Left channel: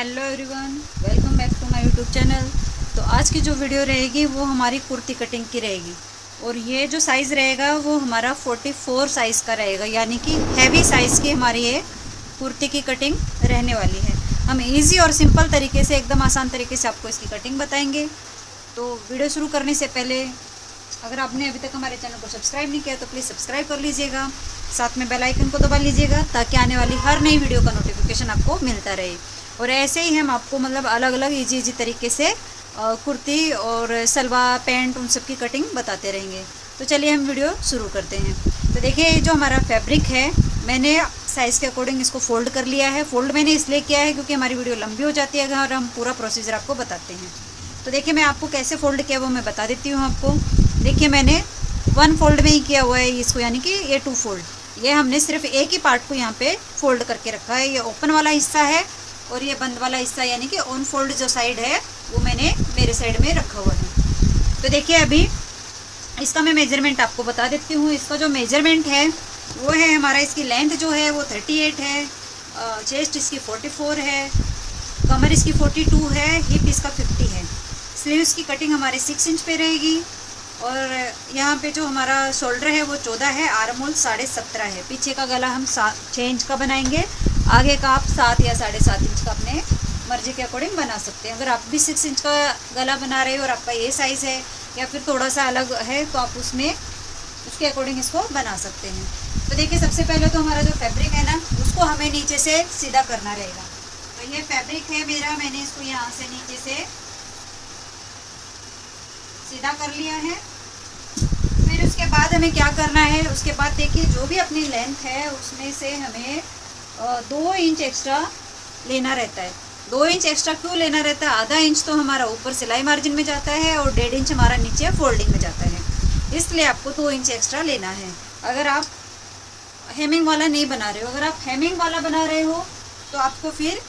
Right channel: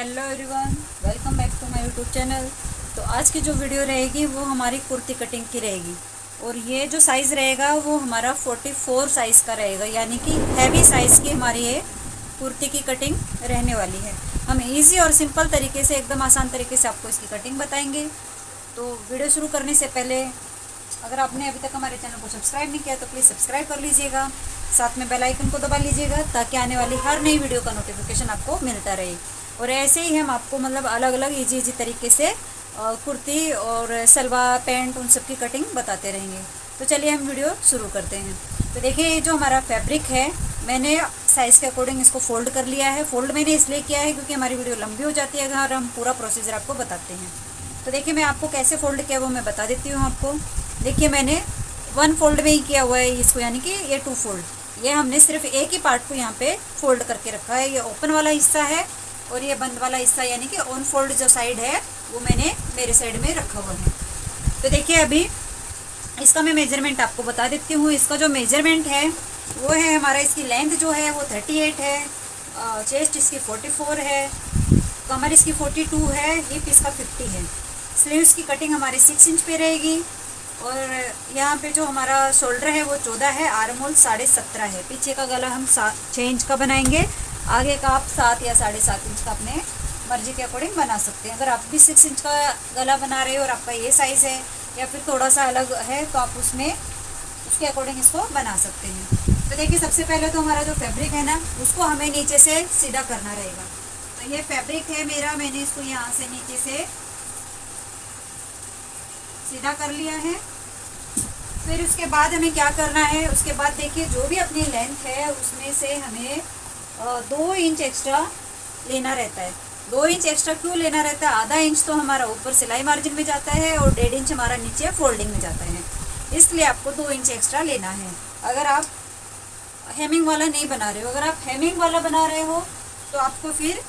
Hello everyone, welcome back to my YouTube channel. तो आज की जो वीडियो रहेगी वो हमारी कुर्ती कटिंग की रहेगी और ये जो साइज़ रहेगा वो हमारा 44 साइज़ का रहेगा, यानी कि हैवी साइज़ की हमारी ये कुर्ती की कटिंग रहने वाली है। हम इजी और सिंपल तरीके से, एकदम आसान तरीके से आपको इसकी कटिंग बताएंगे। तो वीडियो शुरू करने से पहले अगर आपने अभी तक हमारे चैनल को सब्सक्राइब नहीं किया तो प्लीज़ सब्सक्राइब कर लीजिएगा, साथ में बेल आइकन को दबा लीजिएगा ताकि आने वाली हर नई वीडियो का नोटिफिकेशन आपको मिलता रहे। और ऐसे ही हम आपको अलग अलग इजी तरीके से कुर्ती और सलवार पैंट उन सब की कटिंग बताते रहेंगे। तो चलिए हम वीडियो शुरू करते हैं। तो देखिए, ये जो हमारा फैब्रिक है, मैंने साइज़ के अकॉर्डिंग इसको फ़ोल्ड कर लिया है। फ़ोल्ड मैंने इसलिए किया है क्योंकि हमारी वीडियो लंबी हो जाती है अगर हम पूरा प्रोसीजर आपको बताते हैं। तो देखिए, मैं आपको कैसे फ़ोल्ड किया वो मैं बता देती हूँ आपको। देखिए, मैंने 1 फोल्ड में ही किया हुआ है इसको, यानी कि ये 2 फोल्ड। ये हमने सिर्फ एक ही पार्ट को यहाँ पे फोल्ड करके रखा है। ये ओपन वाला हिस्सा है और ये बंद वाला हिस्सा, यानी कि ऑन फोल्ड जो साइड है वो मैंने मेरे साइड में रखा हुआ है। तो देखिए, अभी इसका मैं मेजरमेंट आपको बता देती हूँ। इसका जो मेजरमेंट है वो है हमारा, इसकी लेंथ जो है वो 38 है, चेस्ट इसकी 44 है, कमर इसकी 42 है, हिप इसका 50 है। स्लीव्स की कटिंग हमारी 6 इंच पे रहेगी और यहाँ पे जो हमारा शोल्डर है वो 14 है, आर्म होल 17.5 है। पीछे का गला हम 6 इंच का बनाएंगे, आगे का आप 7 या 7.5 इंच का अपने मर्जी के अकॉर्डिंग बना सकते हैं। अगर आप भी 6 इंच का गला बना रहे हो और आपका ये साइज़ है या फिर थोड़ा सा अलग है तो आप उसके अकॉर्डिंग इसको बना सकते हैं। तो देखिए, सबसे पहले तो हमारा जो फैब्रिक है ना, उसको हमें नीचे से सीधा करना रहेगा। तो ये फैब्रिक है मेरा, मैंने इसको यहाँ से नीचे से सीधा कर लिया है। फिर उसके बाद हमें क्या करना है, उसके बाद देखिए, जो भी अपनी लेंथ है उसमें से हमें 2 इंच एक्स्ट्रा लेना रहता है। 2 इंच एक्स्ट्रा क्यों लेना रहता है? आधा इंच तो हमारा ऊपर सिलाई मार्जिन में जाता है और 1.5 इंच हमारा नीचे फोल्डिंग में जाता है, इसलिए आपको 2 इंच एक्स्ट्रा लेना है। अगर आप हेमिंग वाला नहीं बना रहे हो, अगर आप हेमिंग वाला बना रहे हो तो आपको फिर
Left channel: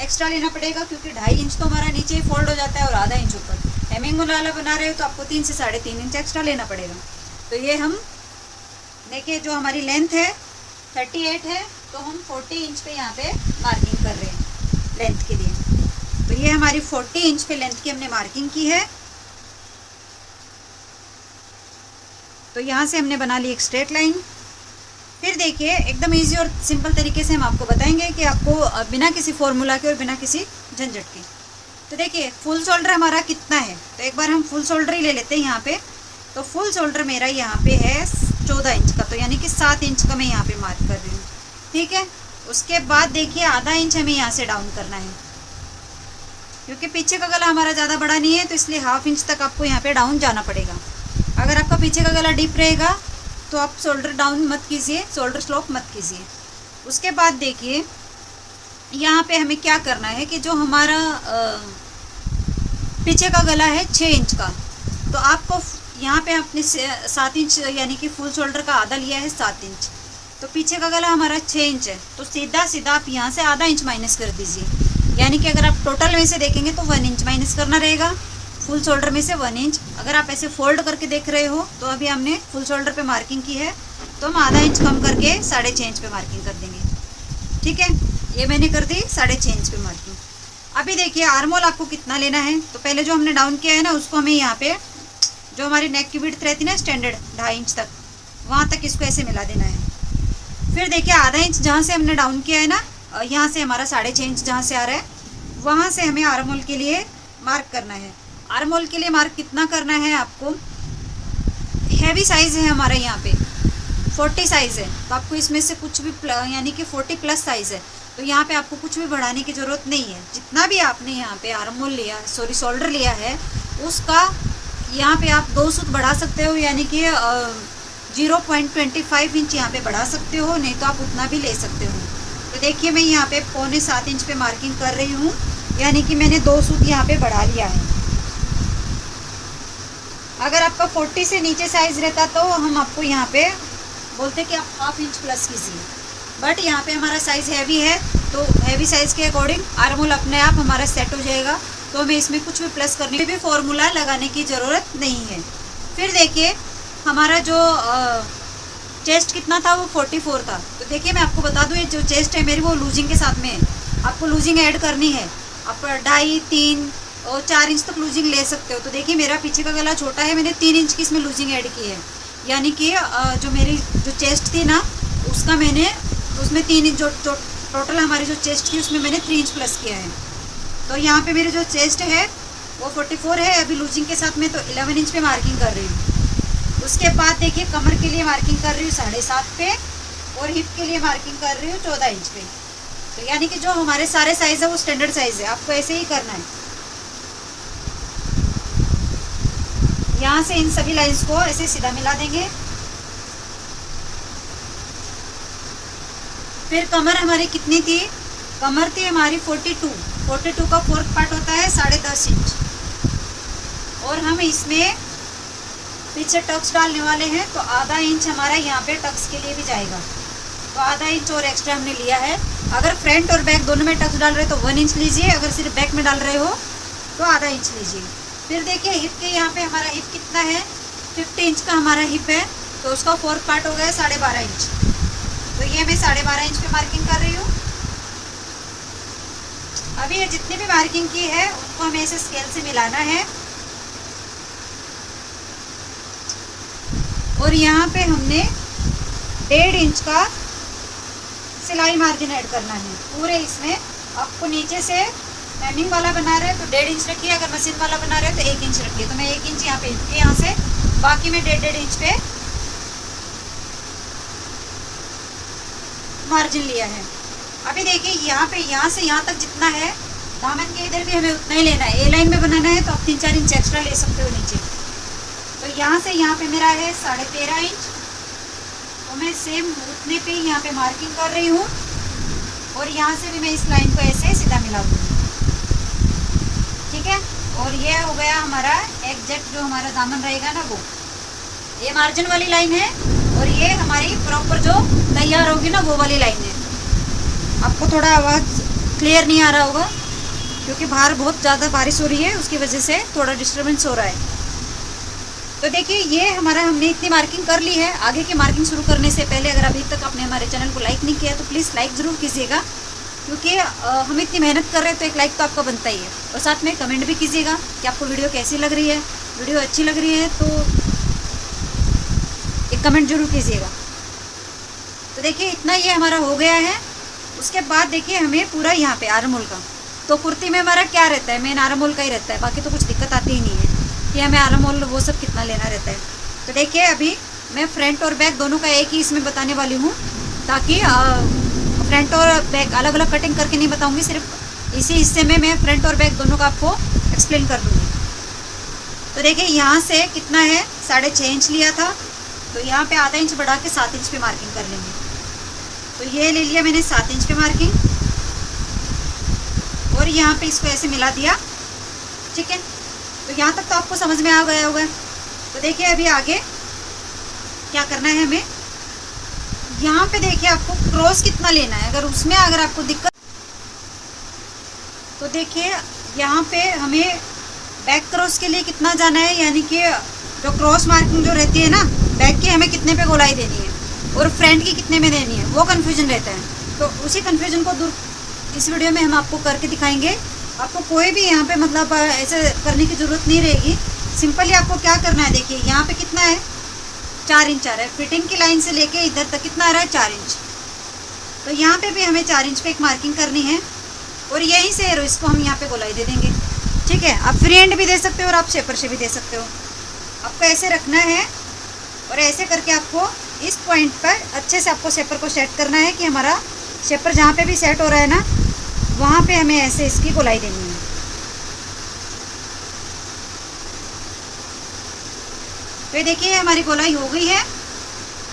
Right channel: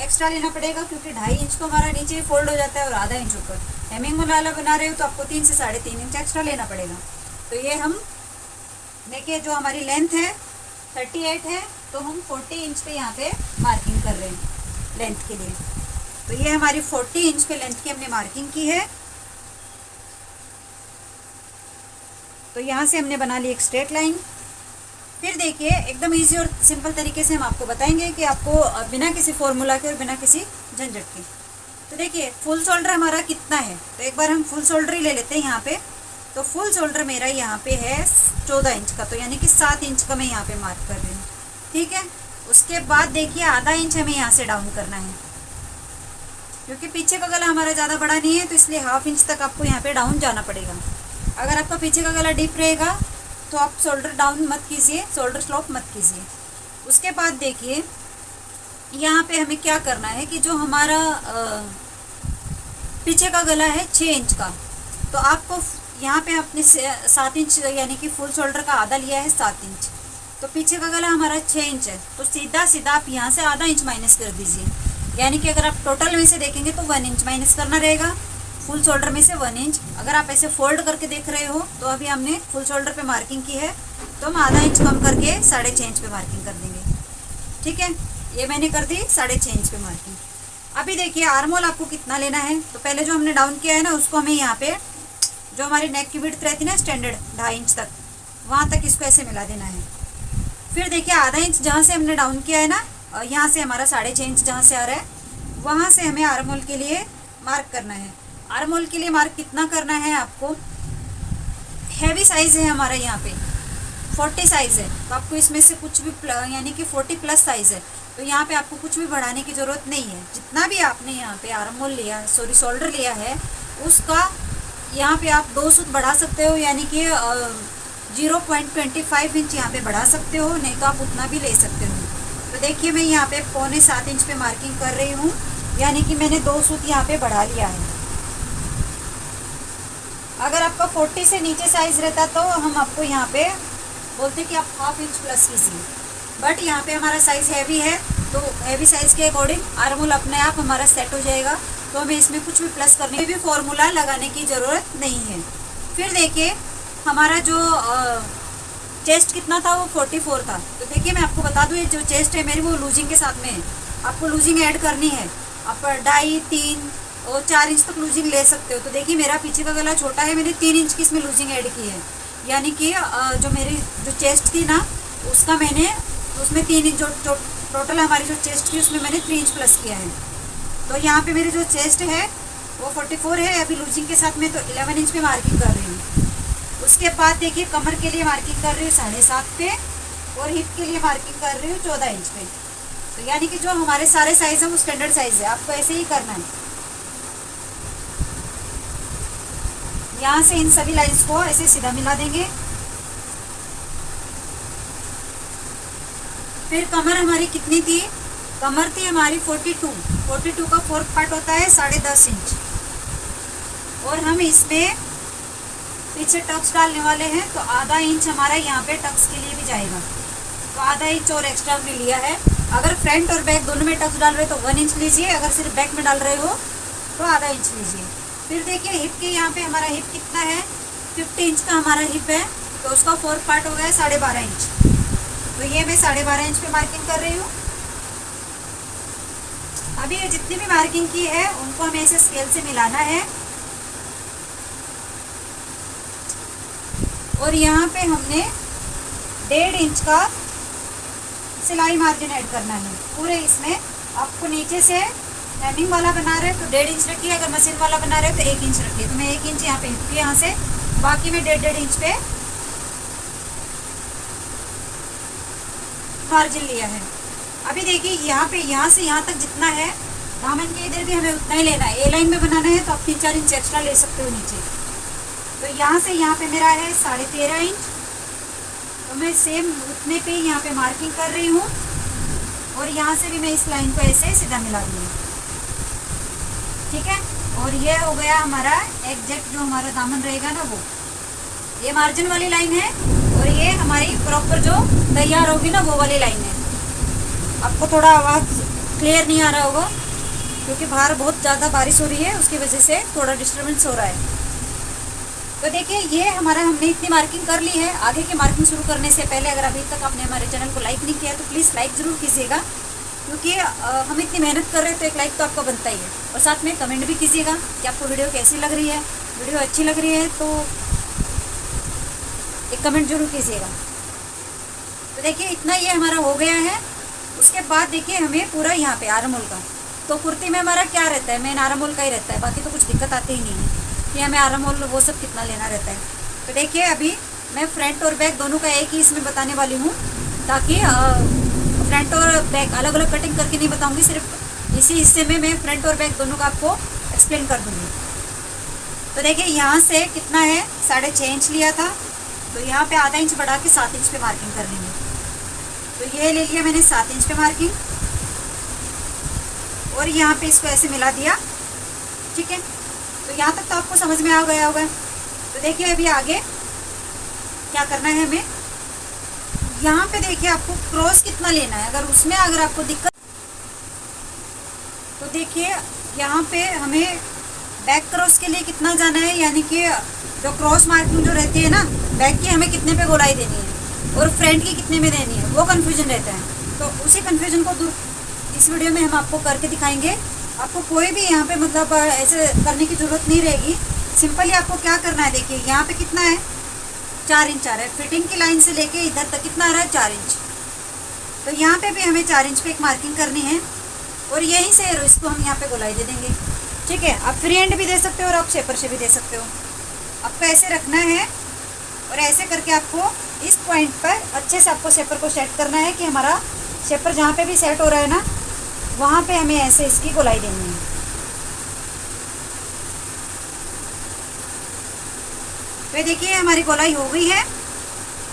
एक्स्ट्रा लेना पड़ेगा, क्योंकि 2.5 इंच तो हमारा नीचे फोल्ड हो जाता है और आधा इंच ऊपर। हेमिंग वाला बना रहे हो तो आपको 3 से 3.5 इंच एक्स्ट्रा लेना पड़ेगा। तो ये हम देखिए, जो हमारी लेंथ है 38 है, तो हम 40 इंच पे यहाँ पे मार्किंग कर रहे हैं लेंथ के लिए। तो ये हमारी 40 इंच पे लेंथ की हमने मार्किंग की है। तो यहाँ से हमने बना ली एक स्ट्रेट लाइन। फिर देखिए, एकदम इजी और सिंपल तरीके से हम आपको बताएंगे कि आपको बिना किसी फॉर्मूला के और बिना किसी झंझट के। तो देखिए, फुल शोल्डर हमारा कितना है, तो एक बार हम फुल शोल्डर ही ले लेते हैं यहाँ पे। तो फुल शोल्डर मेरा यहाँ पे है 14 इंच का, तो यानी कि 7 इंच का मैं यहाँ पे मार्क कर रही हूँ, ठीक है। उसके बाद देखिए, आधा इंच हमें यहाँ से डाउन करना है, क्योंकि पीछे का गला हमारा ज़्यादा बड़ा नहीं है, तो इसलिए ½ इंच तक आपको यहाँ पे डाउन जाना पड़ेगा। अगर आपका पीछे का गला डीप रहेगा तो आप शोल्डर डाउन मत कीजिए, शोल्डर स्लोप मत कीजिए। उसके बाद देखिए, यहाँ पे हमें क्या करना है कि जो हमारा पीछे का गला है 6 इंच का, तो आपको यहाँ पे अपने 7 इंच, यानी कि फुल शोल्डर का आधा लिया है 7 इंच, तो पीछे का गला हमारा 6 इंच है, तो सीधा सीधा आप यहाँ से आधा इंच माइनस कर दीजिए। यानी कि अगर आप टोटल में से देखेंगे तो 1 इंच माइनस करना रहेगा, फुल शोल्डर में से 1 इंच। अगर आप ऐसे फोल्ड करके देख रहे हो तो अभी हमने फुल शोल्डर पे मार्किंग की है, तो हम आधा इंच कम करके 6.5 इंच पे मार्किंग कर देंगे, ठीक है। ये मैंने कर दी 6.5 इंच पे मार्किंग। अभी देखिए, आर्म होल आपको कितना लेना है, तो पहले जो हमने डाउन किया है ना, उसको हमें यहाँ पे जो हमारी नेक की विड्थ रहती है ना स्टैंडर्ड 2.5 इंच तक, वहाँ तक इसको ऐसे मिला देना है। फिर देखिए, आधा इंच जहाँ से हमने डाउन किया है ना, यहाँ से हमारा 6.5 इंच जहाँ से आ रहा है, वहाँ से हमें आर्म होल के लिए मार्क करना है। आर्म होल के लिए मार्क कितना करना है आपको, हैवी साइज़ है हमारा यहाँ पे 40 साइज़ है, तो आपको इसमें से कुछ भी यानी कि 40 प्लस साइज़ है, तो यहाँ पे आपको कुछ भी बढ़ाने की ज़रूरत नहीं है। जितना भी आपने यहाँ पे आर्म होल लिया है, सॉरी शोल्डर लिया है, उसका यहाँ पे आप 2 सूत बढ़ा सकते हो, यानी कि 0.25 इंच यहाँ पे बढ़ा सकते हो, नहीं तो आप उतना भी ले सकते हो। तो देखिए, मैं यहाँ पे 6.25 इंच पे मार्किंग कर रही हूँ, यानी कि मैंने 2 सूत यहाँ पे बढ़ा लिया है। अगर आपका 40 से नीचे साइज़ रहता तो हम आपको यहाँ पे बोलते कि आप ½ इंच प्लस कीजिए, बट यहाँ पे हमारा साइज़ हैवी है, तो हैवी साइज़ के अकॉर्डिंग आर्म होल अपने आप हमारा सेट हो जाएगा, तो हमें इसमें कुछ भी प्लस करने की भी फॉर्मूला लगाने की ज़रूरत नहीं है। फिर देखिए, हमारा जो चेस्ट कितना था वो 44 था, तो देखिए मैं आपको बता दूँ, ये जो चेस्ट है मेरी वो लूजिंग के साथ में है, आपको लूजिंग ऐड करनी है। आप 2.5, 3 और 4 इंच तक लूजिंग ले सकते हो। तो देखिए मेरा पीछे का गला छोटा है, मैंने 3 इंच की इसमें लूजिंग ऐड की है, यानी कि जो मेरी जो चेस्ट थी ना उसका मैंने उसमें 3 इंच जो टोटल हमारी जो चेस्ट थी उसमें मैंने 3 इंच प्लस किया है। तो यहाँ पे मेरी जो चेस्ट है वो 44 है अभी लूजिंग के साथ में, तो 11 इंच पे मार्किंग कर रही हूँ। उसके बाद देखिए कमर के लिए मार्किंग कर रही हूँ 7.5 पे और हिप के लिए मार्किंग कर रही हूँ 14 इंच पे। तो यानी कि जो हमारे सारे साइज है वो स्टैंडर्ड साइज है, आपको ऐसे ही करना है। यहाँ से इन सभी लाइंस को ऐसे सीधा मिला देंगे। फिर कमर हमारी कितनी थी, कमर थी हमारी 42 का 4th पार्ट होता है 10.5 इंच, और हम इसमें पीछे टक्स डालने वाले हैं, तो आधा इंच हमारा यहाँ पे टक्स के लिए भी जाएगा, तो आधा इंच और एक्स्ट्रा हमने लिया है। अगर फ्रंट और बैक दोनों में टक्स डाल रहे हो तो 1 इंच लीजिए, अगर सिर्फ बैक में डाल रहे हो तो आधा इंच लीजिए। फिर देखिए हिप के यहाँ पे हमारा हिप कितना है, 50 इंच का हमारा हिप है, तो उसका 4th पार्ट हो गया 12.5 इंच। तो ये मैं 12.5 इंच पे मार्किंग कर रही हूँ। अभी ये जितनी भी मार्किंग की है उनको हमें ऐसे स्केल से मिलाना है, और यहाँ पे हमने 1.5 इंच का सिलाई मार्जिन ऐड करना है पूरे इसमें। आपको नीचे से मैमिंग वाला बना रहे हो तो 1.5 इंच रखिए, अगर मशीन वाला बना रहे हो तो 1 इंच रखिए। तो मैं 1 इंच यहाँ पे यहाँ से, बाकी मैं 1.5 इंच पे मार्जिन लिया है। अभी देखिए यहाँ पे यहाँ से यहाँ तक जितना है दामन के इधर भी हमें उतना ही लेना है। ए लाइन में बनाना है तो आप 3-4 इंच एक्स्ट्रा ले सकते हो नीचे। तो यहाँ से यहाँ पे मेरा है 13.5 इंच, तो मैं सेम उतने पे यहाँ पे मार्किंग कर रही हूँ, और यहाँ से भी मैं इस लाइन को ऐसे सीधा मिला दूँगी, ठीक है। और ये हो गया हमारा एग्जैक्ट जो हमारा दामन रहेगा ना वो, ये मार्जिन वाली लाइन है, और ये हमारी प्रॉपर जो तैयार होगी ना वो वाली लाइन है। आपको थोड़ा आवाज़ क्लियर नहीं आ रहा होगा क्योंकि बाहर बहुत ज़्यादा बारिश हो रही है, उसकी वजह से थोड़ा डिस्टर्बेंस हो रहा है। तो देखिए ये हमारा हमने इतनी मार्किंग कर ली है। आगे की मार्किंग शुरू करने से पहले अगर अभी तक आपने हमारे चैनल को लाइक नहीं किया तो प्लीज़ लाइक ज़रूर कीजिएगा, क्योंकि हम इतनी मेहनत कर रहे हैं तो एक लाइक तो आपको बनता ही है। और साथ में कमेंट भी कीजिएगा कि आपको वीडियो कैसी लग रही है। वीडियो अच्छी लग रही है तो एक कमेंट जरूर कीजिएगा। तो देखिए इतना ये हमारा हो गया है। उसके बाद देखिए हमें पूरा यहाँ पे आर्म होल का, तो कुर्ती में हमारा क्या रहता है, मेन आर्म होल का ही रहता है, बाकी तो कुछ दिक्कत आती ही नहीं है कि हमें आर्म होल वो सब कितना लेना रहता है। तो देखिए अभी मैं फ्रंट और बैक दोनों का एक ही इसमें बताने वाली हूँ, ताकि फ्रंट और बैक अलग अलग कटिंग करके नहीं बताऊँगी, सिर्फ इसी हिस्से में मैं फ्रंट और बैक दोनों का आपको एक्सप्लेन कर दूँगी। तो देखिए यहाँ से कितना है, 6.5 इंच लिया था, तो यहाँ पे आधा इंच बढ़ा के 7 इंच पे मार्किंग कर लेंगे। तो ये ले लिया मैंने 7 इंच पे मार्किंग, और यहाँ पे इसको ऐसे मिला दिया, ठीक है। तो यहाँ तक तो आपको समझ में आ गया होगा। तो देखिए अभी आगे क्या करना है हमें, यहाँ पे देखिए आपको क्रॉस कितना लेना है, अगर उसमें अगर आपको दिक्कत, तो देखिए यहाँ पे हमें बैक क्रॉस के लिए कितना जाना है, यानी कि जो क्रॉस मार्किंग जो रहती है ना बैक की, हमें कितने पे गोलाई देनी है और फ्रंट की कितने में देनी है, वो कन्फ्यूजन रहता है। तो उसी कन्फ्यूजन को दूर इस वीडियो में हम आपको करके दिखाएंगे। आपको कोई भी यहाँ पे मतलब ऐसे करने की ज़रूरत नहीं रहेगी। सिंपली आपको क्या करना है, देखिए यहाँ पे कितना है, 4 इंच आ रहा है, फिटिंग की लाइन से लेके इधर तक कितना आ रहा है, 4 इंच। तो यहाँ पे भी हमें 4 इंच पे एक मार्किंग करनी है, और यहीं से इसको हम यहाँ पे गोलाई दे देंगे, ठीक है। आप फ्री हैंड भी दे सकते हो और आप शेपर से भी दे सकते हो। आपको ऐसे रखना है, और ऐसे करके आपको इस पॉइंट पर अच्छे से आपको शेपर को सेट करना है कि हमारा शेपर जहाँ पे भी सेट हो रहा है ना वहाँ पे हमें ऐसे इसकी गोलाई देनी है। तो देखिए हमारी गोलाई हो गई है।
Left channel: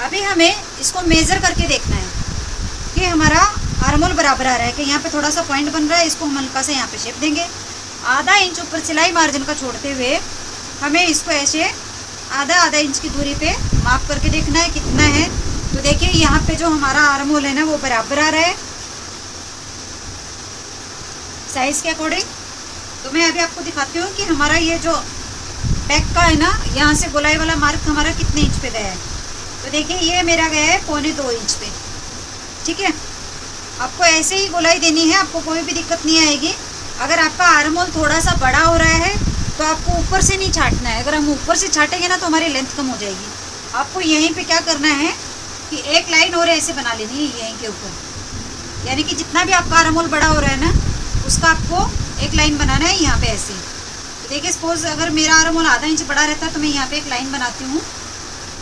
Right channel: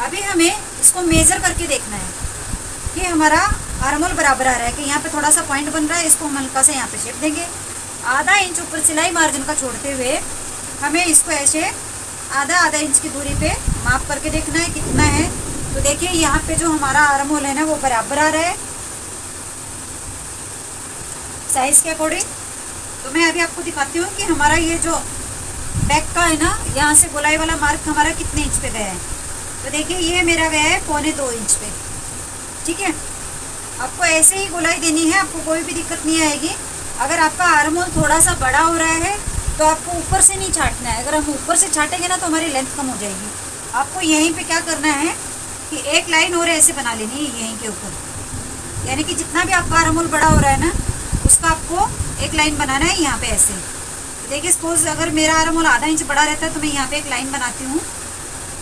अभी हमें इसको मेज़र करके देखना है कि हमारा आर्म होल बराबर आ रहा है, कि यहाँ पे थोड़ा सा पॉइंट बन रहा है, इसको हम हल्का सा यहाँ पे शेप देंगे। आधा इंच ऊपर सिलाई मार्जिन का छोड़ते हुए हमें इसको ऐसे आधा इंच की दूरी पे माप करके देखना है कितना है। तो देखिए यहाँ पे जो हमारा आर्म होल है ना वो बराबर आ रहा है साइज के अकॉर्डिंग। तो मैं अभी आपको दिखाती हूँ कि हमारा ये जो बैक का है ना, यहाँ से गोलाई वाला मार्क हमारा कितने इंच पे गया है। तो देखिए ये मेरा गया है 1.25 इंच पे, ठीक है। आपको ऐसे ही गोलाई देनी है, आपको कोई भी दिक्कत नहीं आएगी। अगर आपका आर्म होल थोड़ा सा बड़ा हो रहा है तो आपको ऊपर से नहीं छाटना है। अगर हम ऊपर से छाटेंगे ना तो हमारी लेंथ कम हो जाएगी। आपको यहीं पे क्या करना है कि एक लाइन और ऐसे बना लेनी है यहीं के ऊपर, यानी कि जितना भी आपका आर्म होल बड़ा हो रहा है ना उसका आपको एक लाइन बनाना है यहाँ पे ऐसे। तो देखिए सपोज अगर मेरा आर्म होल आधा इंच बड़ा रहता है तो मैं यहाँ पे एक लाइन बनाती हूँ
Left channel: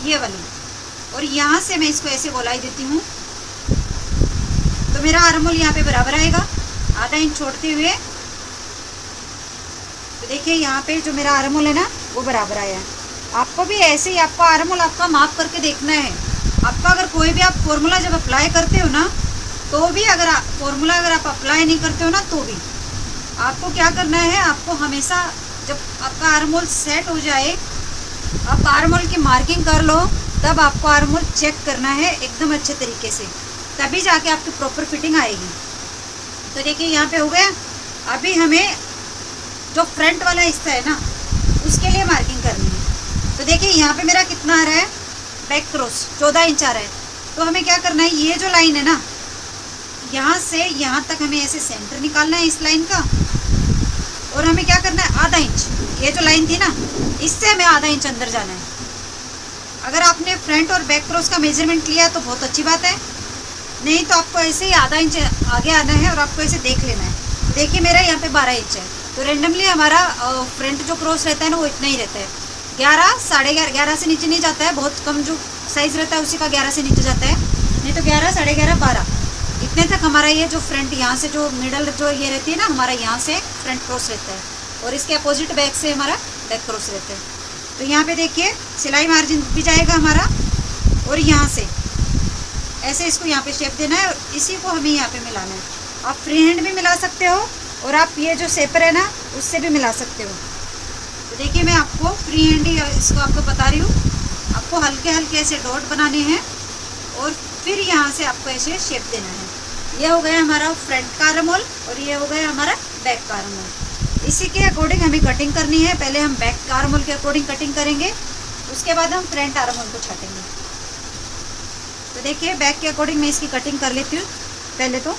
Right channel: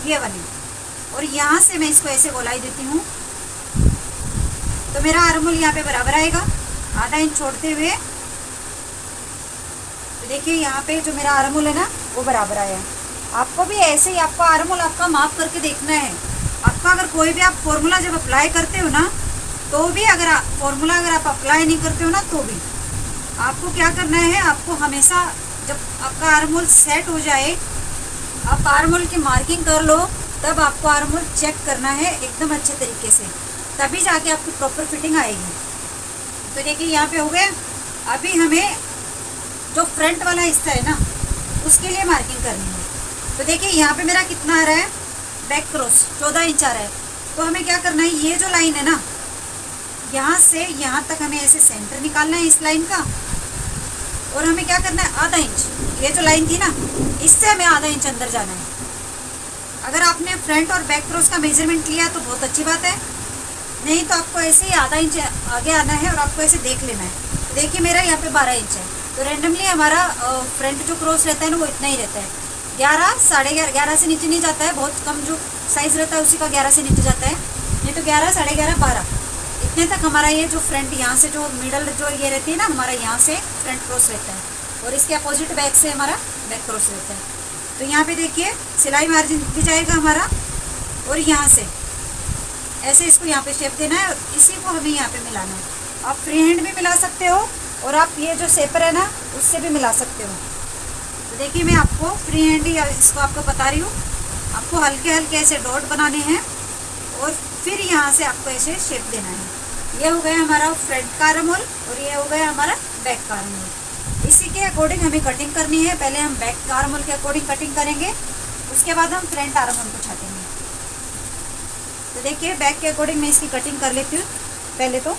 ये वाली, और यहाँ से मैं इसको ऐसे गोलाई देती हूँ तो मेरा आर्म होल यहाँ पे बराबर आएगा आधा इंच छोड़ते हुए। तो देखिए यहाँ पे जो मेरा आर्म होल है ना वो बराबर आया। आपको भी ऐसे ही आपका आर्म होल आपका माप करके देखना है। आपका अगर कोई भी आप फॉर्मूला जब अप्लाई करते हो ना तो भी अगर फॉर्मूला अगर आप अप्लाई नहीं करते हो ना तो भी आपको क्या करना है, आपको हमेशा जब आपका आर्म होल सेट हो जाए, आप आर्म होल की मार्किंग कर लो, तब आपको आर्म होल चेक करना है एकदम अच्छे तरीके से, तभी जाके आपकी प्रॉपर फिटिंग आएगी। तो देखिए यहाँ पे हो गया। अभी हमें जो फ्रंट वाला हिस्सा है ना उसके लिए मार्किंग करनी है। तो देखिए यहाँ पे मेरा कितना आ रहा है, बैक क्रॉस 14 इंच आ रहा है। तो हमें क्या करना है, ये जो लाइन है ना यहाँ से यहाँ तक हमें ऐसे सेंटर निकालना है इस लाइन का, और हमें क्या करना है आधा इंच, ये जो लाइन थी ना इससे हमें आधा इंच अंदर जाना है। अगर आपने फ्रंट और बैक क्रॉस का मेजरमेंट लिया तो बहुत अच्छी बात है, नहीं तो आपको ऐसे ही आधा इंच आगे आना है और आपको ऐसे देख लेना है। देखिए मेरा यहाँ पे 12 इंच है, तो रेंडमली हमारा फ्रंट जो क्रॉस रहता है ना वो इतना ही रहता है, 11, 11.5, 11 से नीचे नहीं जाता है। बहुत कम जो साइज़ रहता है उसी का 11 से नीचे जाता है, नहीं तो 11, 11.5, 12 इतने तक हमारा ये जो फ्रंट यहाँ से जो मिडल जो ये रहती है ना हमारा यहाँ से फ्रंट क्रॉस रहता है, और इसके अपोजिट बैक से हमारा बैक क्रॉस रहता है। तो यहाँ पे देखिए सिलाई मार्जिन भी जाएगा हमारा, और यहाँ से ऐसे इसको यहाँ पे शेप देना है और इसी को हमें यहाँ पे मिलाना है। आप फ्री हैंड भी मिला सकते हो और आप ये जो शेपर है ना उससे भी मिला सकते हो। तो देखिए मैं आपको फ्री हैंड ही इसको आपको बता रही हूँ। आपको हल्के हल्के ऐसे डॉट बनाने हैं और फिर यहाँ से आपको ऐसे शेप देना है। ये हो गया हमारा फ्रंट का आर्म होल और ये हो गया हमारा बैक का आर्म होल। इसी के अकॉर्डिंग हमें कटिंग करनी है। पहले हम बैक का आर्म होल के अकॉर्डिंग कटिंग करेंगे, उसके बाद हम फ्रंट आर्म होल को छाटेंगे। तो देखिए बैक के अकॉर्डिंग मैं इसकी कटिंग कर लेती हूँ पहले तो।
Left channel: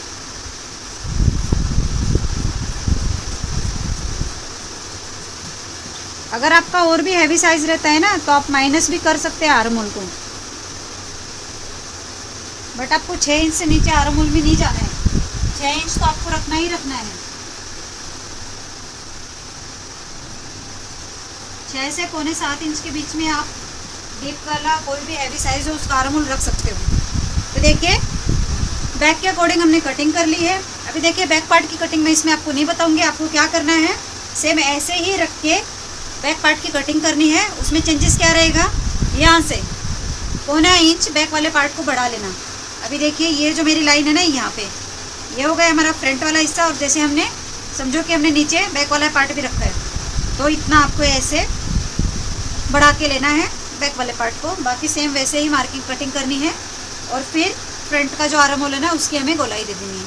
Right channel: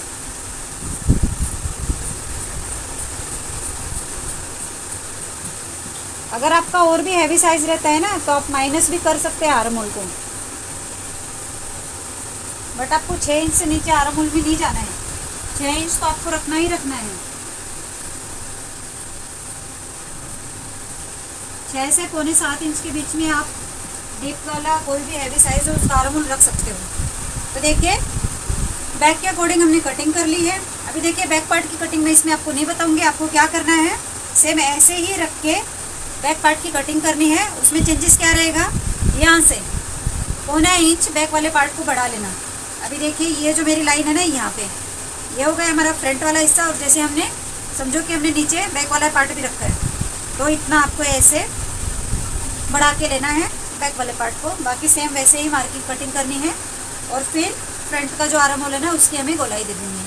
अगर आपका और भी हैवी साइज रहता है ना तो आप माइनस भी कर सकते हैं आर्म होल को, बट आपको 6 इंच से नीचे आर्म होल भी नहीं जाना है। 6 इंच तो आपको रखना ही रखना है। 6 से 6.25 इंच के बीच में आप डीप वाला कोई भी हैवी साइज है उसका आर्म होल रख सकते हो। तो देखिए बैक के अकॉर्डिंग हमने कटिंग कर ली है। अभी देखिए बैक पार्ट की कटिंग मैं इसमें आपको नहीं बताऊंगी। आपको क्या करना है, सेम ऐसे ही रख के बैक पार्ट की कटिंग करनी है। उसमें चेंजेस क्या रहेगा, यहाँ से 0.25 इंच बैक वाले पार्ट को बढ़ा लेना। अभी देखिए ये जो मेरी लाइन है ना यहाँ पे, ये हो गया हमारा फ्रंट वाला हिस्सा, और जैसे हमने समझो कि हमने नीचे बैक वाला पार्ट भी रखा है तो इतना आपको ऐसे बढ़ा के लेना है बैक वाले पार्ट को। बाकी सेम वैसे ही मार्किंग कटिंग करनी है और फिर फ्रंट का जो आर्म होल है ना उसकी हमें गोलाई दे देनी है।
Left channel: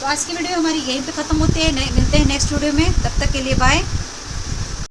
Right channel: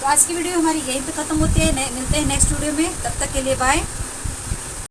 तो आज की वीडियो हमारी यहीं पे ख़त्म होती है। मिलते हैं नेक्स्ट वीडियो में, तब तक के लिए बाय।